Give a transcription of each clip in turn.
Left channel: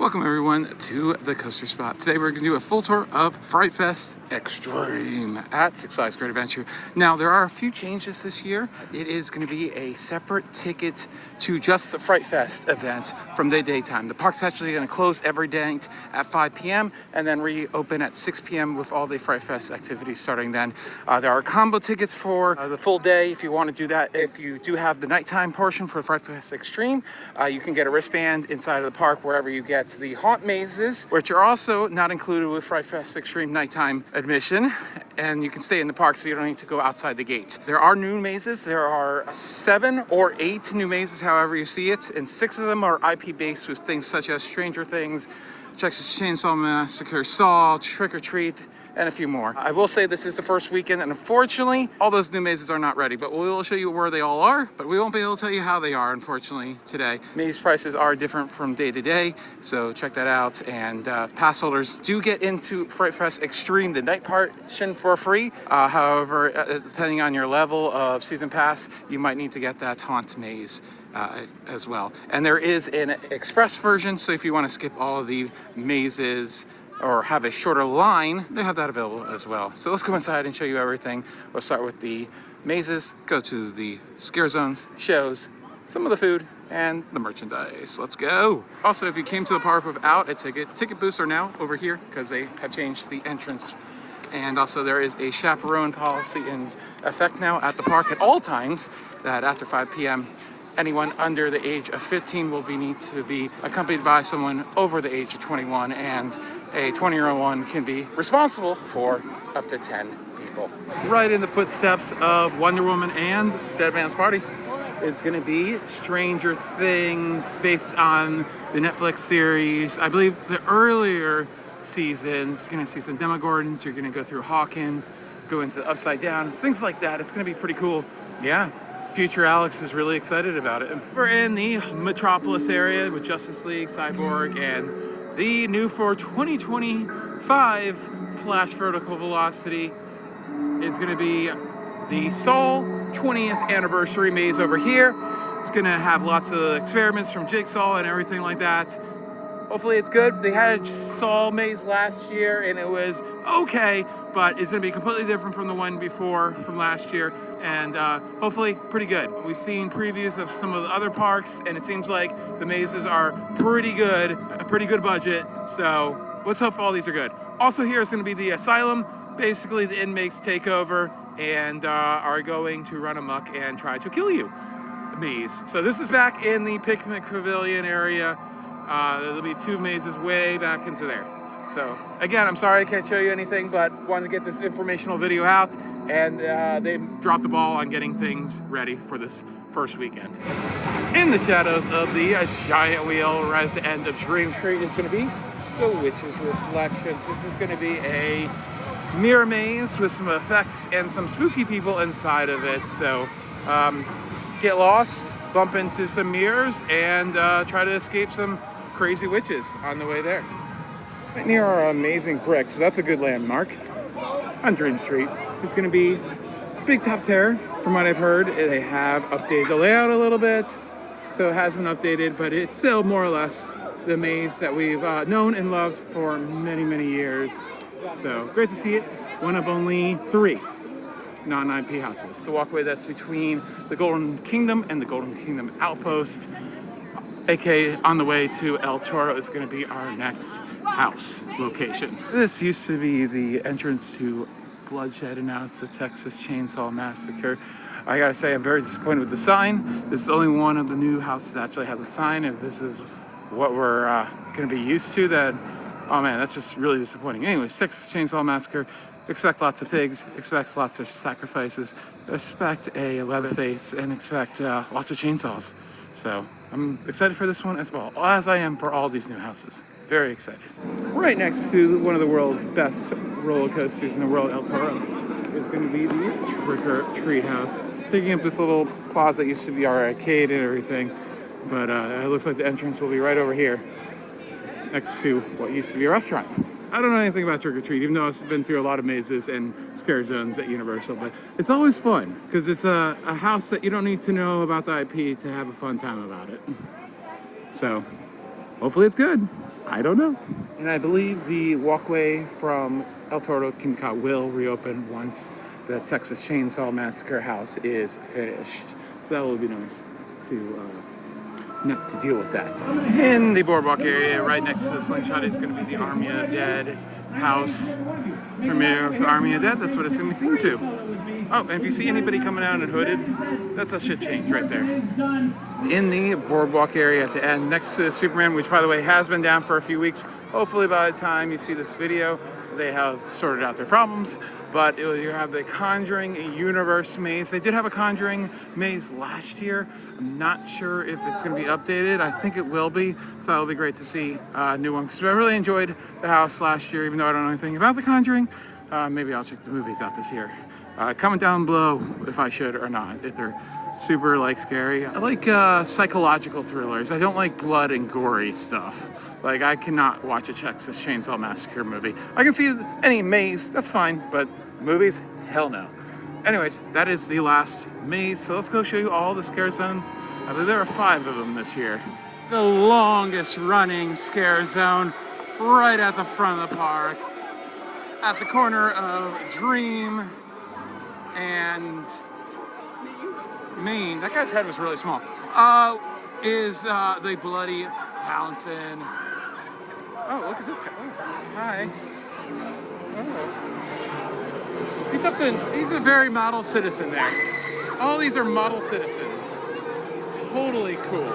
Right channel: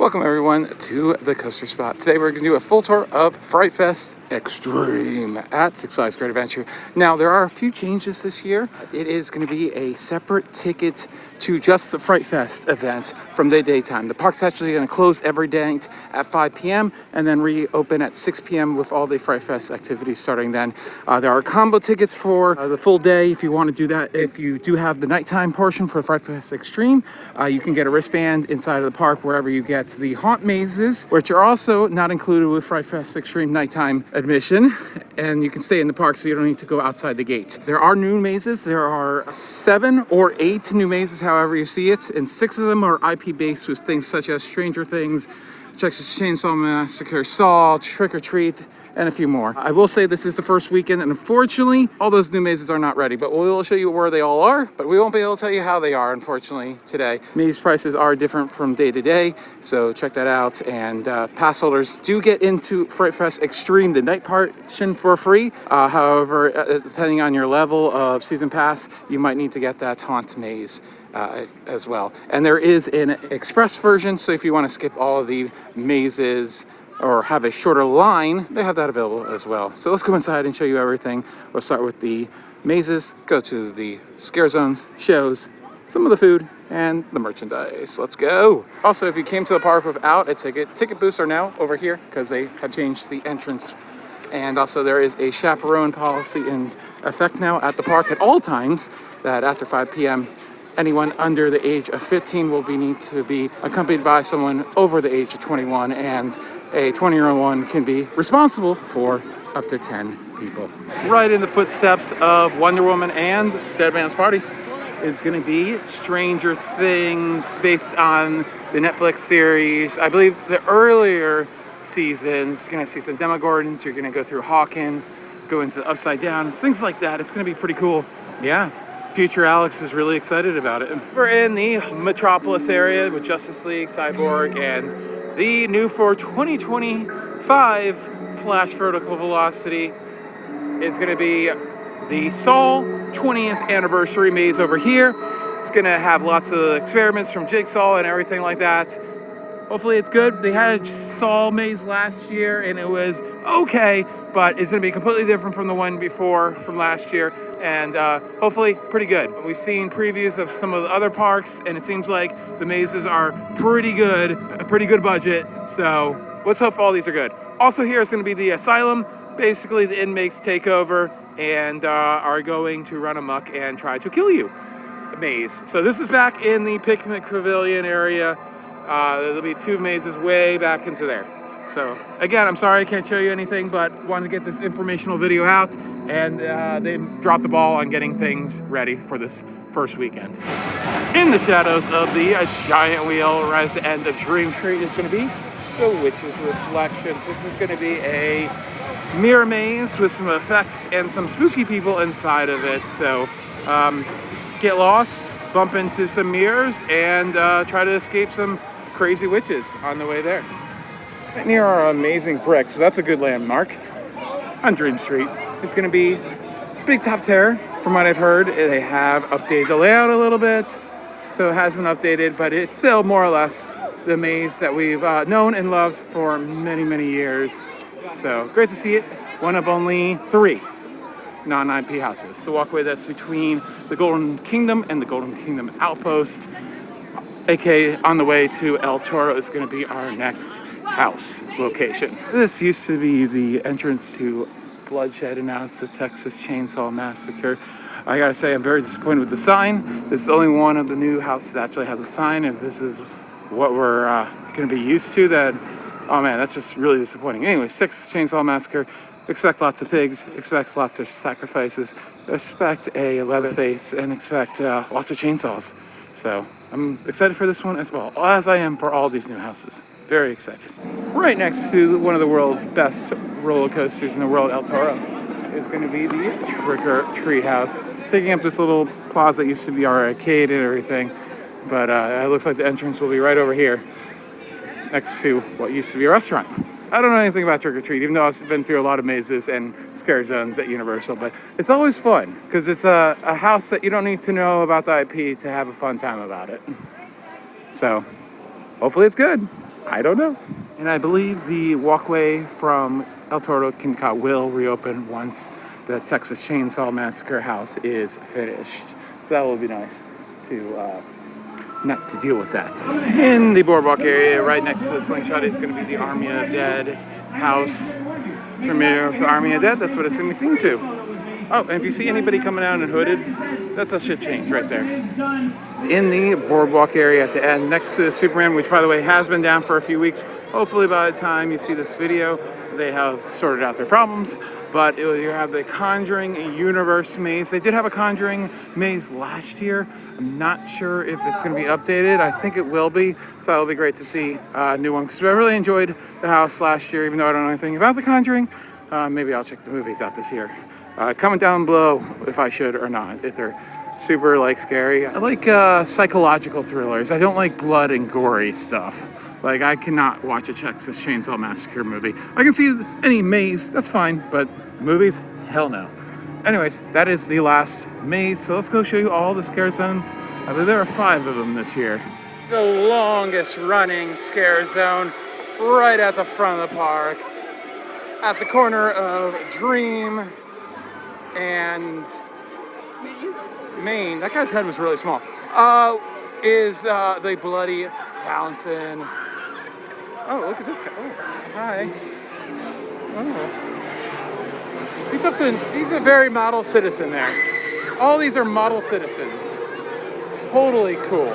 Welcome everyone to the Coaster Spot. Today we're going to do a full tour of FrightFest Extreme at Six Flags Great Adventure. Now there are a few changes this year. It is going to be a separate ticket to just the FrightFest event from the daytime. The park's actually going to close every day at 5 p.m. and then reopen at 6 p.m. with all the FrightFest activities starting then. There are combo tickets for the full day if you want to do that. If you do have the nighttime portion for FrightFest Extreme, you can get a wristband inside of the park wherever you get the haunt mazes, which are also not included with FrightFest Extreme nighttime admission, and you can stay in the park so you don't need to go outside the gate. There are new mazes. There are 7 or 8 new mazes, however you see it, and 6 of them are IP based with things such as Stranger Things, Texas Chainsaw Massacre, Saw, Trick or Treat, and a few more. I will say this is the first weekend, and unfortunately, all those new mazes are not ready, but we will show you where they all are, but we won't be able to tell you how they are, unfortunately, today. Maze prices are different from day to day, so check that out, and pass holders do get into FrightFest Extreme, the night portion, for free. However, depending on your level of season pass, you might need to get that haunt maze as well. And there is an express version, so if you want to skip all of the mazes or have a shorter line, they have that available as well. So let's go inside and show you everything. We'll start with the mazes, go to the scare zones, shows, some of the food, and the merchandise. Let's go. Also, if you came to the park without a ticket booths are now over here because they have changed the entrance. And also there is a chaperone policy in effect now at the park at all times that after 5 p.m. anyone under the age of 15 will need to be accompanied by someone over the age of 21, and a 20-year-old one can be responsible for up to 10 people. Right in the footsteps of Wonder Woman and Dead Man's Party is going to be Stranger Things, based on the Netflix series. I believe the earlier seasons, you're going to see some Demogorgons, you're going to go through Hawkins, go into Upside Down, things like that. It's going to be pretty cool. Yeah. Future Alex is really excited about it. We're in the Metropolis area with Justice League, Cyborg, and the new for 2025 Flash Vertical Velocity is going to be the Saw 20th Anniversary Maze over here. It's going to have lots of experiments from Jigsaw and everything like that. Hopefully it's good. They had a Saw maze last year and it was okay, but it's going to be completely different from the one before from last year. And hopefully pretty good. We've seen previews of some of the other parks, and it seems like the mazes are pretty good, a pretty good budget. So let's hope all these are good. Also here is going to be the asylum. Basically the inmates take over and are going to run amok and try to kill you. Maze. So this is back in the picnic pavilion area. There'll be 2 mazes way back into there. So again, I'm sorry I can't show you anything, but wanted to get this informational video out, and they dropped the ball on getting things ready for this first weekend. In the shadows of the giant wheel right at the end of Dream Street is going to be the Witch's Reflections. This is going to be a mirror maze with some effects and some spooky people inside of it. So get lost, bump into some mirrors, and try to escape some crazy witches on the way there. Right near our amazing bricks, so that's a good landmark on Dream Street. It's going to be Big Top Terror. From what I've heard, they have updated the layout a little bit, so it has been updated, but it's still more or less the maze that we've known and loved for many, many years. So great to see it. One of only 3 non-IP houses. The walkway that's between the Golden Kingdom and the Golden Kingdom Outpost, aka on the way to El Toro, is going to be our next house location. This used to be the entrance to Bloodshed, and now it's the Texas Chainsaw Massacre. I gotta say, I'm very disappointed with the sign. This is only one of the new houses that actually has a sign, and this is what we're going to be used to. That, oh man, that's just really disappointing. Anyway, Texas Chainsaw Massacre. Expect lots of pigs, expect lots of sacrifices, expect a Leatherface, and expect lots of chainsaws. So I'm excited for this one as well, as I am for all these new houses. Very excited. Right next to one of the world's best roller coasters in the world, El Toro, is going to be the Trick or Treat House. It's taking up this little plaza that used to be our arcade and everything, but it looks like the entrance will be right over here, next to what used to be a restaurant. I don't know anything about Trick or Treat, even though I've been through a lot of mazes and scare zones at Universal, but it's always fun because it's a house that you don't need to know about the IP to have a fun time about it. So hopefully it's good. I don't know. And I believe the walkway from El Toro to King Cod will reopen once the Texas Chainsaw Massacre house is finished. So that will be nice to not to deal with that. In the boardwalk area, right next to the Slingshot, is going to be the Army of Dead house premiere of the Army of Dead. That's what it's going to be themed to. Oh, and if you see anybody coming out and hooded, that's a shift change right there. In the boardwalk area at the end, next to the Superman, which by the way has been down for a few weeks. Hopefully by the time you see this video, they have sorted out their problems. But you have the Conjuring Universe maze. They did have a Conjuring maze last year. I'm not sure if it's going to be updated. I think it will be. So it'll be great to see a new one. Because I really enjoyed the house last year, even though I don't know anything about the Conjuring. Maybe I'll check the movies out this year. Comment down below if I should or not, if they're super like scary. I like psychological thrillers. I don't like blood and gory stuff. Like I cannot watch a Texas Chainsaw Massacre movie. I can see any maze, that's fine, but movies, hell no. Anyways, that is the last maze. So let's go show you all the scare zones. I believe there are 5 of them this year. The longest running scare zone right at the front of the park, at the corner of Dream and Maine. That guy's head was really small. Is the Bloody Fountain. Oh, look at this guy. Oh, hi. Oh. He's a very model citizen there. All these are model citizens. Totally cool.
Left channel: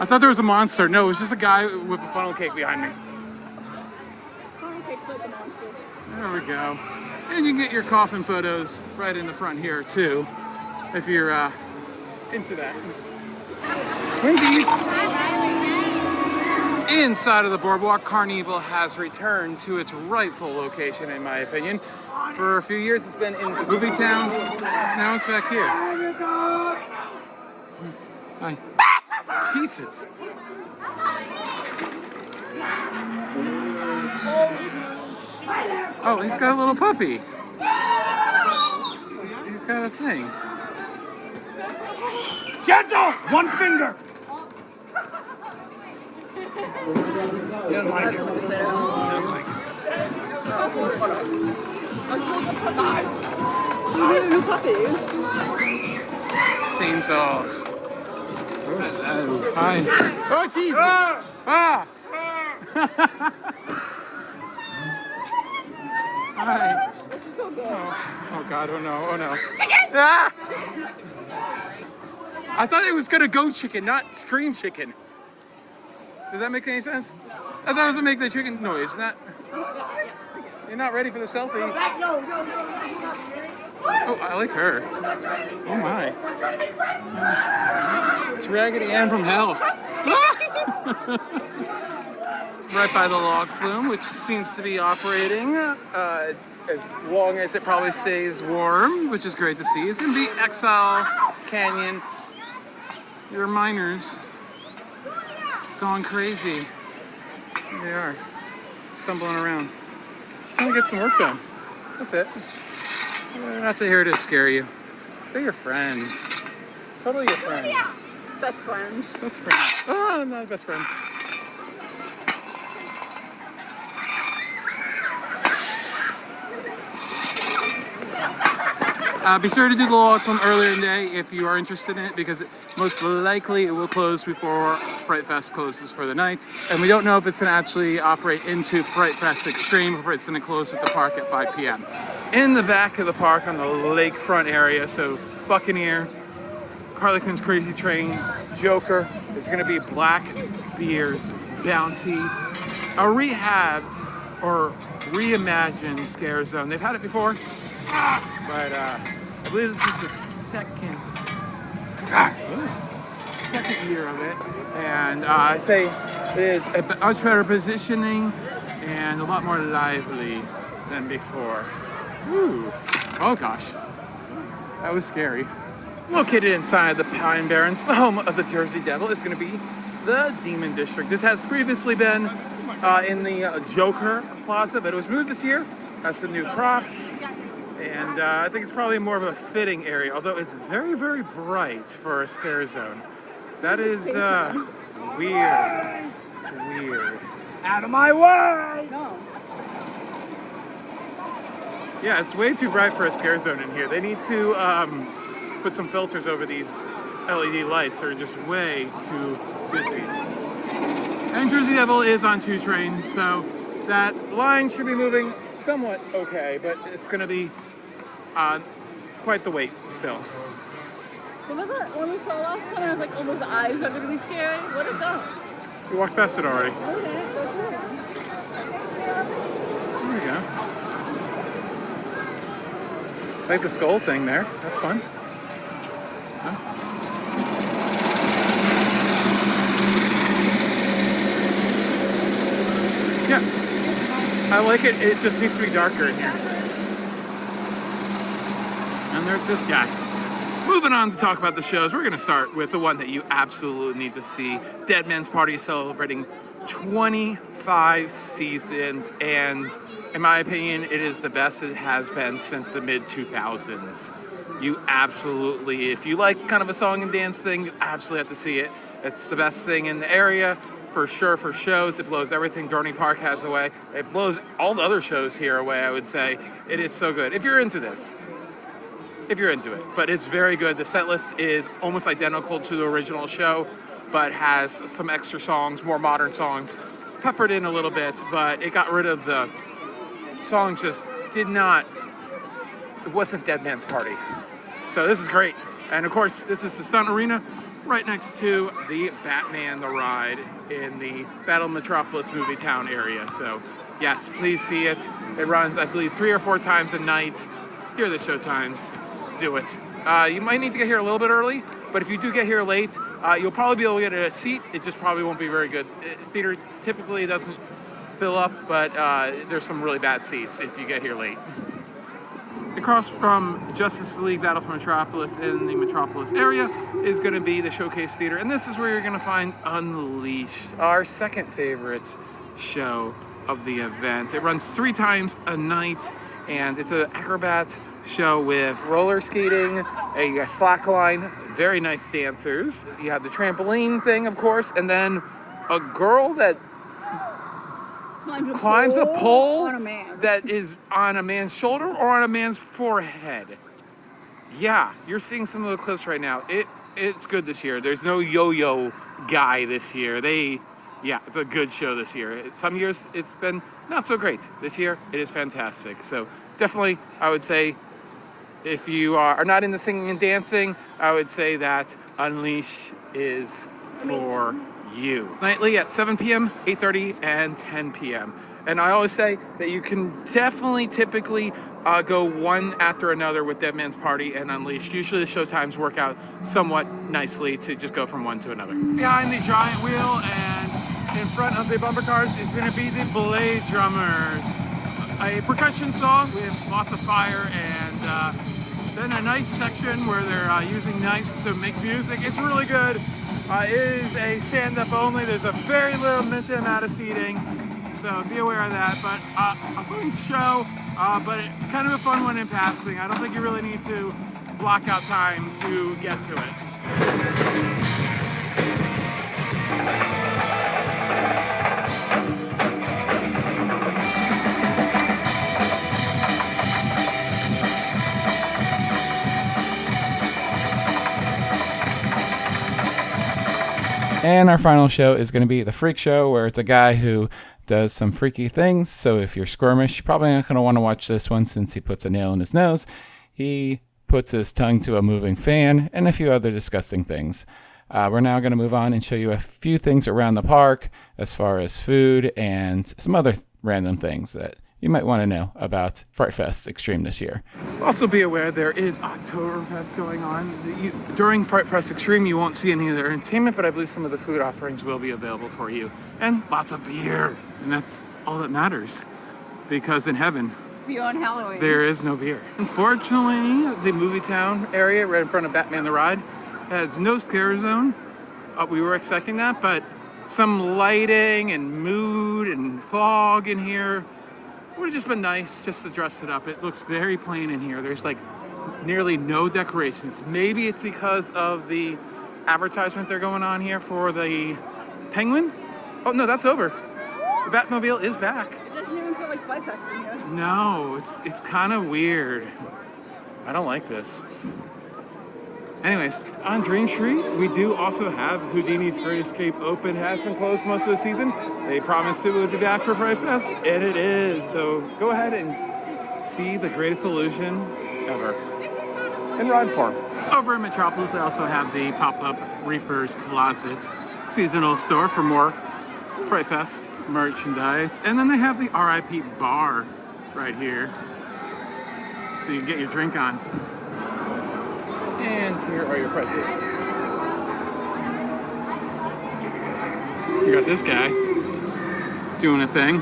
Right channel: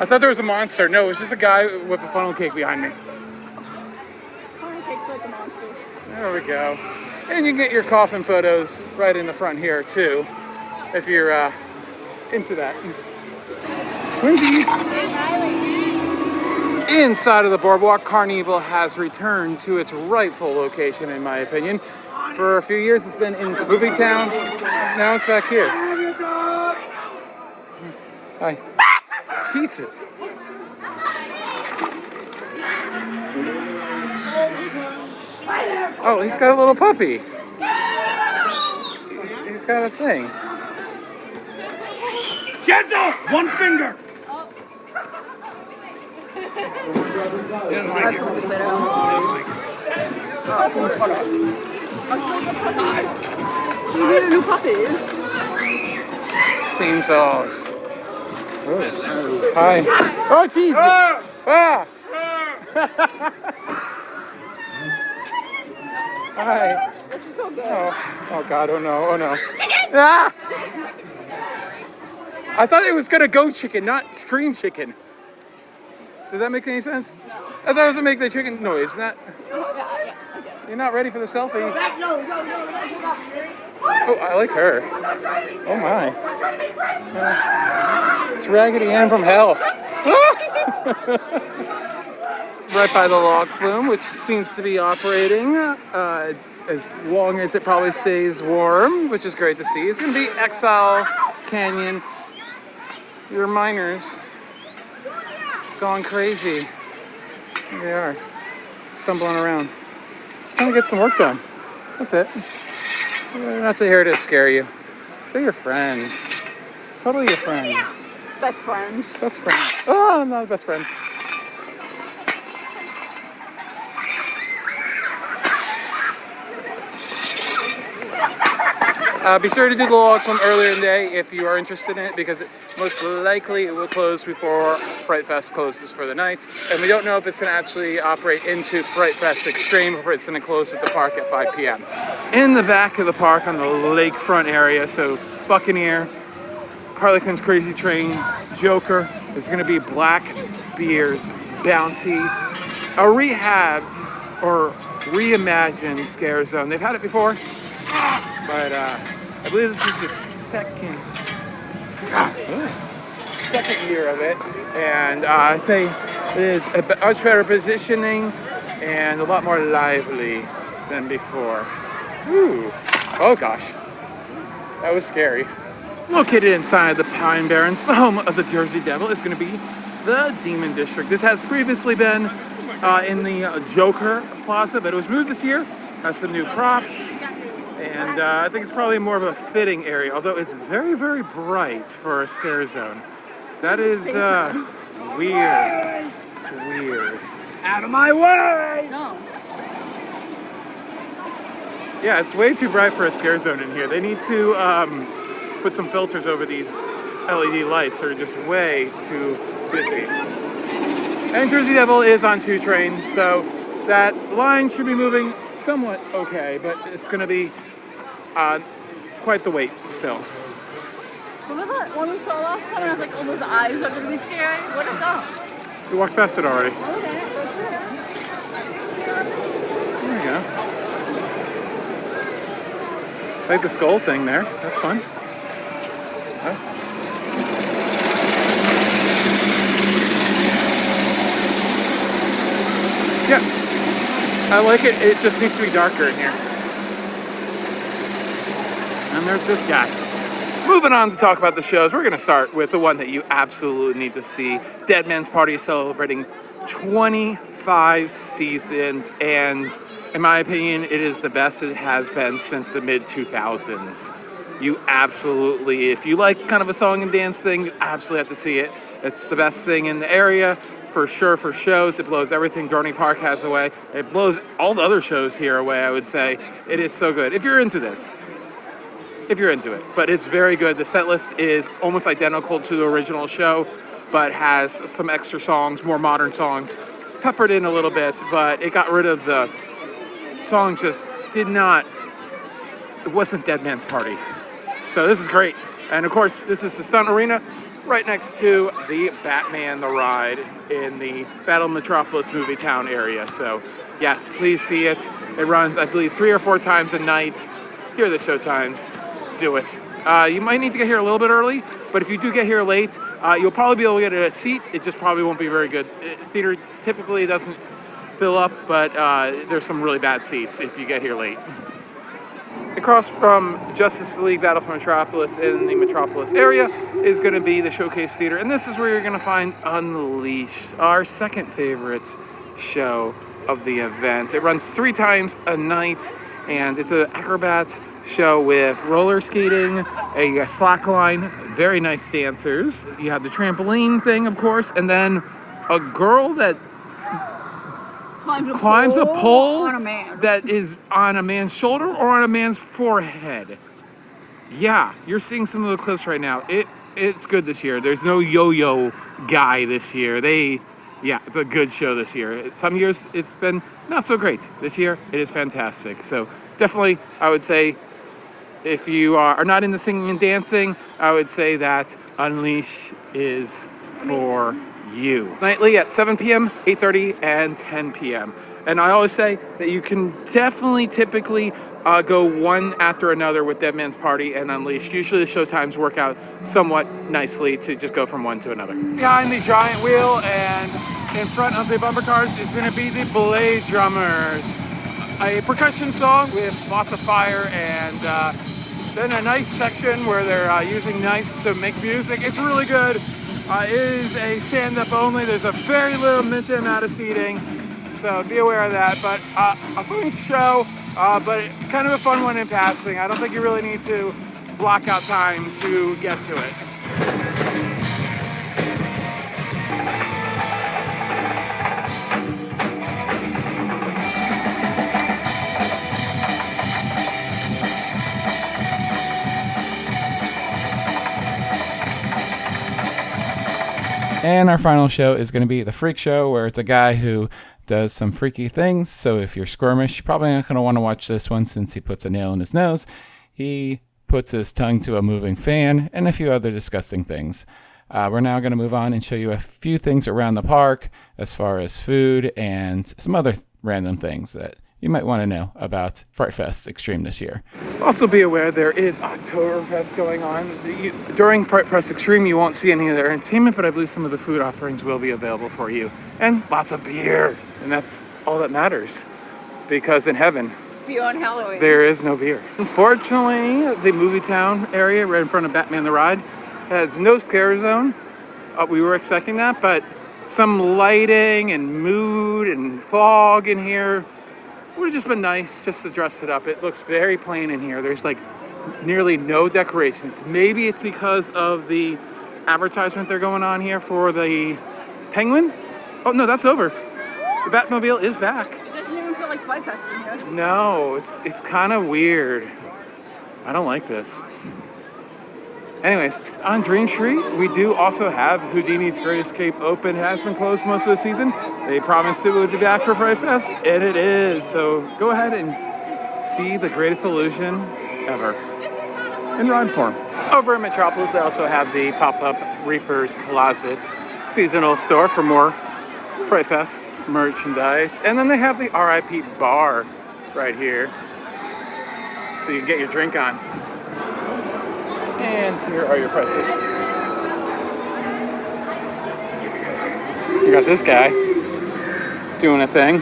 I thought there was a monster. No, it was just a guy with a funnel cake behind me. There we go. And you can get your coffin photos right in the front here too, if you're into that. Twinkies. Inside of the boardwalk, Carnival has returned to its rightful location, in my opinion. For a few years, it's been in Movie Town. Now it's back here. Hi. Jesus. Oh, he's got a little puppy. He's got a thing. Gentle! One finger! He doesn't like it. You need a new puppy. Chainsaws. Oh. Hi. Oh, Jesus! Ah! Hi. Oh God, oh no, oh no. Ah! I thought it was gonna go chicken, not scream chicken. Does that make any sense? I thought it was gonna make the chicken noise, not... You're not ready for the selfie. No. Oh, I like her. Oh my. It's Raggedy Ann from hell. Right by the log flume, which seems to be operating as long as it probably stays warm, which is great to see. It's going to be Exile Canyon. Your miners going crazy. Here they are, stumbling around. Just trying to get some work done. That's it. They're not here to scare you. They're your friends. Totally your friends. Best friends. Best friends. Oh, I'm not a best friend. Be sure to do the log from earlier in the day if you are interested in it, because most likely it will close before FrightFest closes for the night. And we don't know if it's going to actually operate into FrightFest Extreme or if it's going to close with the park at 5 p.m. In the back of the park on the lakefront area, so Buccaneer, Harley Quinn's Crazy Train, Joker, is going to be Blackbeard's Bounty, a rehabbed or reimagined scare zone. They've had it before, but I believe this is the second year of it, and I think it is a much better positioning and a lot more lively than before. Ooh. Oh gosh, that was scary. Located inside the Pine Barrens, the home of the Jersey Devil, is going to be the Demon District. This has previously been in the Joker Plaza, but it was moved this year. Has some new props. And I think it's probably more of a fitting area, although it's very, very bright for a scare zone. That is weird. It's weird. Out of my way! Yeah, it's way too bright for a scare zone in here. They need to put some filters over these LED lights. They're just way too busy. And Jersey Devil is on 2 trains, so that line should be moving somewhat okay, but it's going to be quite the wait still. When we saw last time, I was like, his eyes are really scary. Oh. You walked past it already. There we go. Like the skull thing there. That's fun. Huh? Yeah, I like it. It just needs to be darker in here. And there's this guy. Moving on to talk about the shows, we're going to start with the one that you absolutely need to see. Dead Man's Party is celebrating 25 seasons, and in my opinion, it is the best it has been since the mid-2000s. You absolutely, if you like kind of a song and dance thing, you absolutely have to see it. It's the best thing in the area. For sure, for shows, it blows everything Dorney Park has away. It blows all the other shows here away, I would say. It is so good. If you're into this, if you're into it. But it's very good. The set list is almost identical to the original show, but has some extra songs, more modern songs, peppered in a little bit, but it got rid of the songs just did not, it wasn't Dead Man's Party. So this is great. And of course, this is the Stunt Arena, right next to the Batman the Ride in the Battle Metropolis movie town area. So yes, please see it. It runs, I believe, 3 or 4 times a night. Here are the show times. Do it. You might need to get here a little bit early, but if you do get here late, you'll probably be able to get a seat. It just probably won't be very good. Theater typically doesn't fill up, but there's some really bad seats if you get here late. Across from Justice League Battle for Metropolis in the Metropolis area is going to be the Showcase Theater, and this is where you're going to find Unleashed, our second favorite show of the event. It runs 3 times a night, and it's an acrobat show with roller skating, a slack line, very nice dancers. You have the trampoline thing, of course, and then a girl that climbs a pole on a man. that is on a man's shoulder or on a man's forehead. Yeah, you're seeing some of the clips right now. It's good this year. There's no yo-yo guy this year. It's a good show this year. Some years it's been not so great. This year it is fantastic. So definitely, I would say, if you are not into singing and dancing, I would say that Unleash is for you. Nightly at 7 p.m., 8:30, and 10 p.m. And I always say that you can definitely typically go one after another with Dead Man's Party and Unleashed. Usually the show times work out somewhat nicely to just go from one to another. Behind the giant wheel and in front of the bumper cars is going to be the Blade Drummers. A percussion song with lots of fire, and then a nice section where they're using knives to make music. It's really good. It is a stand-up only. There's a very little limited amount of seating, so be aware of that. But a fun show, but kind of a fun one in passing. I don't think you really need to block out time to get to it. And our final show is going to be the Freak Show, where it's a guy who does some freaky things. So if you're squirmish, you're probably not going to want to watch this one since he puts a nail in his nose. He puts his tongue to a moving fan and a few other disgusting things. We're now going to move on and show you a few things around the park as far as food and some other random things that you might want to know about FrightFest Extreme this year. Also be aware there is Oktoberfest going on. During FrightFest Extreme, you won't see any of their entertainment, but I believe some of the food offerings will be available for you. And lots of beer. And that's all that matters. Because in heaven, Beyond Halloween, there is no beer. Unfortunately, the movie town area right in front of Batman the Ride has no scare zone. We were expecting that, but some lighting and mood and fog in here would have just been nice just to dress it up. It looks very plain in here. There's like nearly no decorations. Maybe it's because of the advertisement they're going on here for the Penguin? Oh no, that's over. The Batmobile is back. It doesn't even feel like FrightFest in here. No, it's kind of weird. I don't like this. Anyways, on Dream Street, we do also have Houdini's Great Escape open. It has been closed most of the season. They promised it would be back for FrightFest, and it is. So go ahead and see the greatest illusion ever in run form. Over in Metropolis, they also have the pop-up Reaper's Closet seasonal store for more FrightFest merchandise. And then they have the RIP bar right here, so you can get your drink on. And here are your prices. You got this guy doing a thing.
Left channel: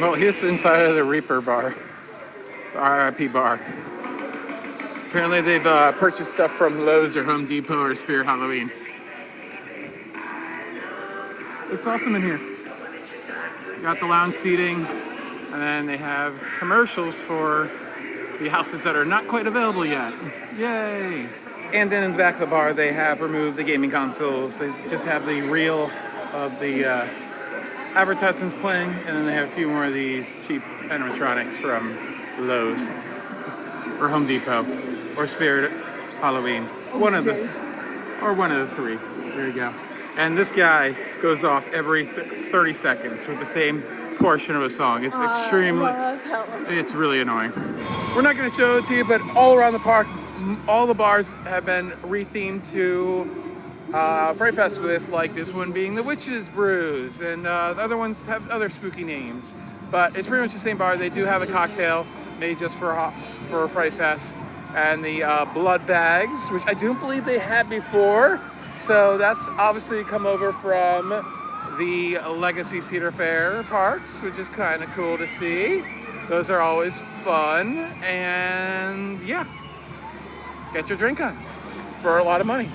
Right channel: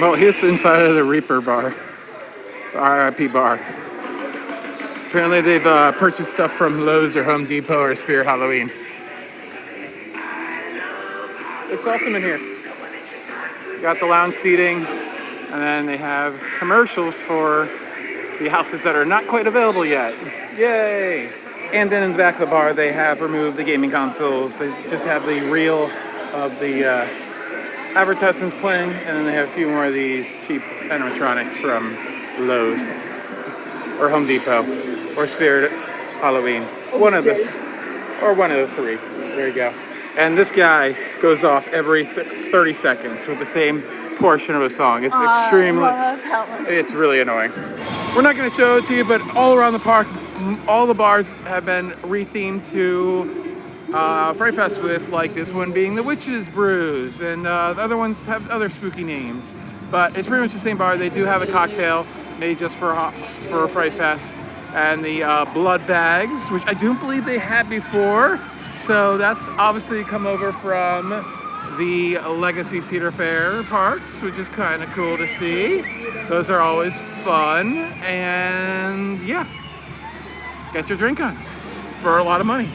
Well, here's inside of the Reaper bar, the RIP bar. Apparently they've purchased stuff from Lowe's or Home Depot or Spirit Halloween. It's awesome in here. You got the lounge seating, and then they have commercials for the houses that are not quite available yet. Yay! And then in the back of the bar, they have removed the gaming consoles. They just have the reel of the advertisements playing, and then they have a few more of these cheap animatronics from Lowe's or Home Depot or Spirit Halloween. One of the three. There you go. And this guy goes off every 30 seconds with the same portion of a song. It's extremely, it's really annoying. We're not going to show it to you, but all around the park, all the bars have been rethemed to FrightFest, with like this one being the Witch's Brews, and the other ones have other spooky names. But it's pretty much the same bar. They do have a cocktail made just for FrightFest, and the blood bags, which I do believe they had before. So that's obviously come over from the Legacy Cedar Fair parks, which is kind of cool to see. Those are always fun, and yeah, get your drink on for a lot of money.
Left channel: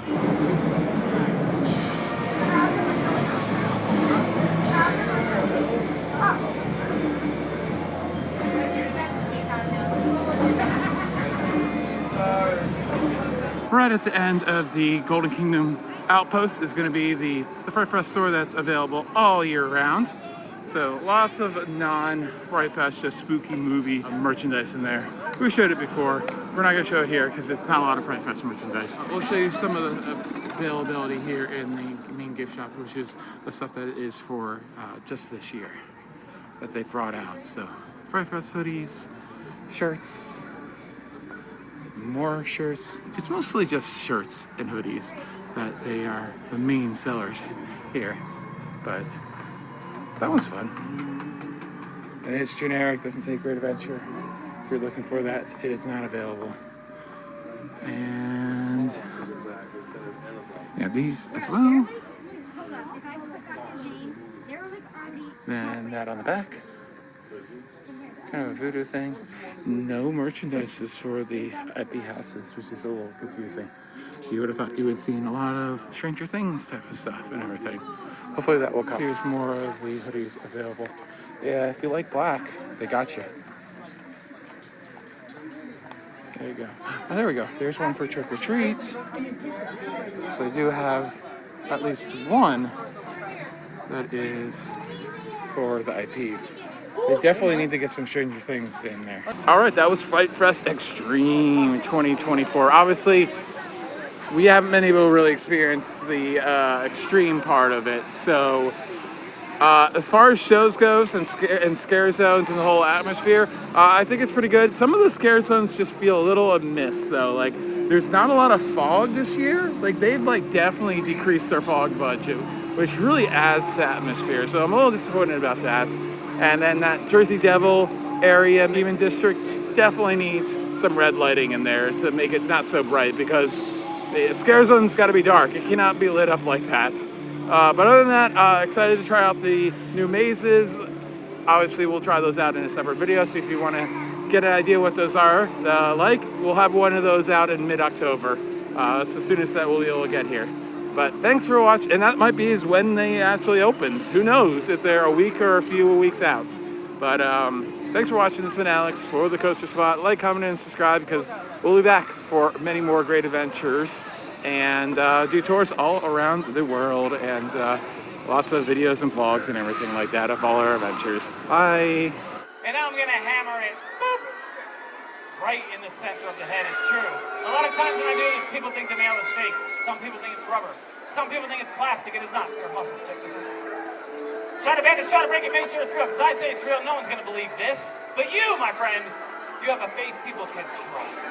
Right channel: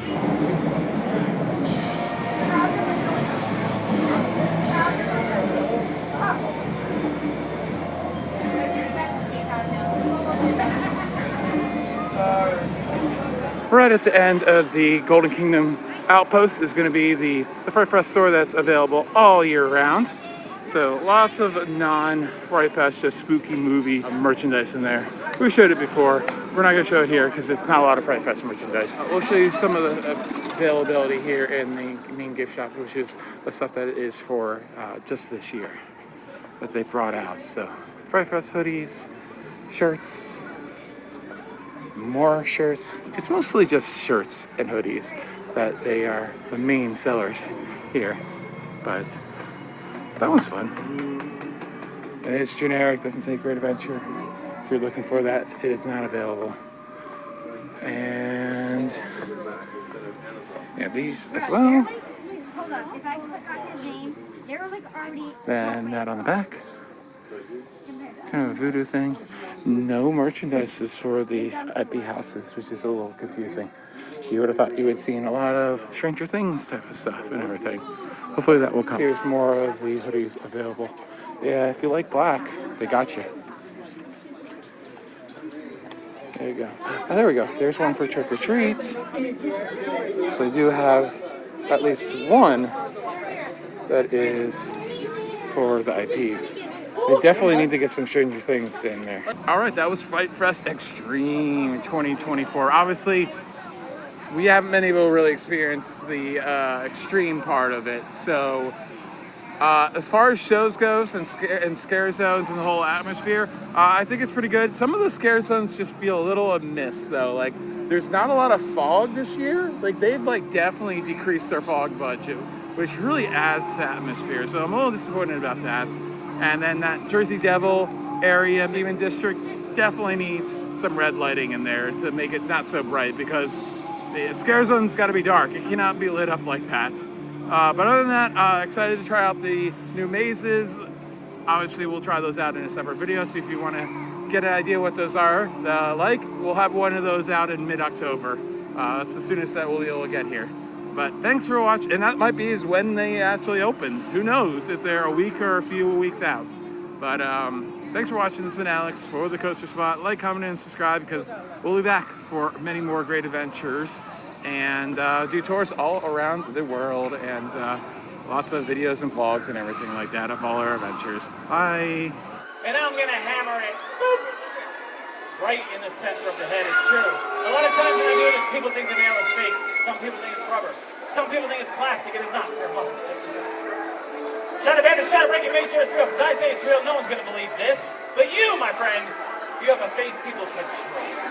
Right at the end of the Golden Kingdom Outpost is going to be the FrightFest store that's available all year round. So lots of non-FrightFest, just spooky movie merchandise in there. We showed it before. We're not going to show it here because it's not a lot of FrightFest merchandise. We'll show you some of the availability here in the main gift shop, which is the stuff that is for just this year that they brought out. So FrightFest hoodies, shirts, more shirts. It's mostly just shirts and hoodies that they are the main sellers here, but that one's fun. And it's generic, doesn't say Great Adventure. If you're looking for that, it is not available. And yeah, these as well. Hold on, if I click on his name, they're like already. Then that on the back. Kind of a voodoo thing. No merchandise is for the IP houses, which is a little confusing. You would have thought you would have seen a lot of Stranger Things type of stuff and everything. Hopefully that will come. Here's more of the hoodies available. Yeah, if you like black, they got you. There you go. Oh, there we go. There's one for trick or treat. So they do have at least one that is for the IPs. They definitely need to get some Stranger Things in there. All right, that was FrightFest Extreme 2024. Obviously, we haven't been able to really experience the extreme part of it. So, as far as shows goes and scare zones and the whole atmosphere, I think it's pretty good. Some of the scare zones just feel a little amiss, though. Like, there's not a lot of fog this year. Like, they've definitely decreased their fog budget, which really adds to atmosphere. So I'm a little disappointed about that. And then that Jersey Devil area, Demon District, definitely needs some red lighting in there to make it not so bright, because the scare zone's got to be dark. It cannot be lit up like that. But other than that, excited to try out the new mazes. Obviously, we'll try those out in a separate video. So if you want to get an idea what those are like, we'll have one of those out in mid-October. So as soon as that we'll be able to get here. But thanks for watching, and that might be is when they actually opened. Who knows if they're a week or a few weeks out. But thanks for watching. This has been Alex for The Coaster Spot. Like, comment, and subscribe, because we'll be back for many more great adventures and do tours all around the world, and lots of videos and vlogs and everything like that of all our adventures. Bye. And I'm gonna hammer it, boop, right in the center of the head. It's true. A lot of times when I do this, people think the nail is fake. Some people think it's rubber. Some people think it's plastic. It is not. They're muscle stick. Try to bend it, try to break it, make sure it's real. Because I say it's real, no one's gonna believe this. But you, my friend, you have a face people can trust.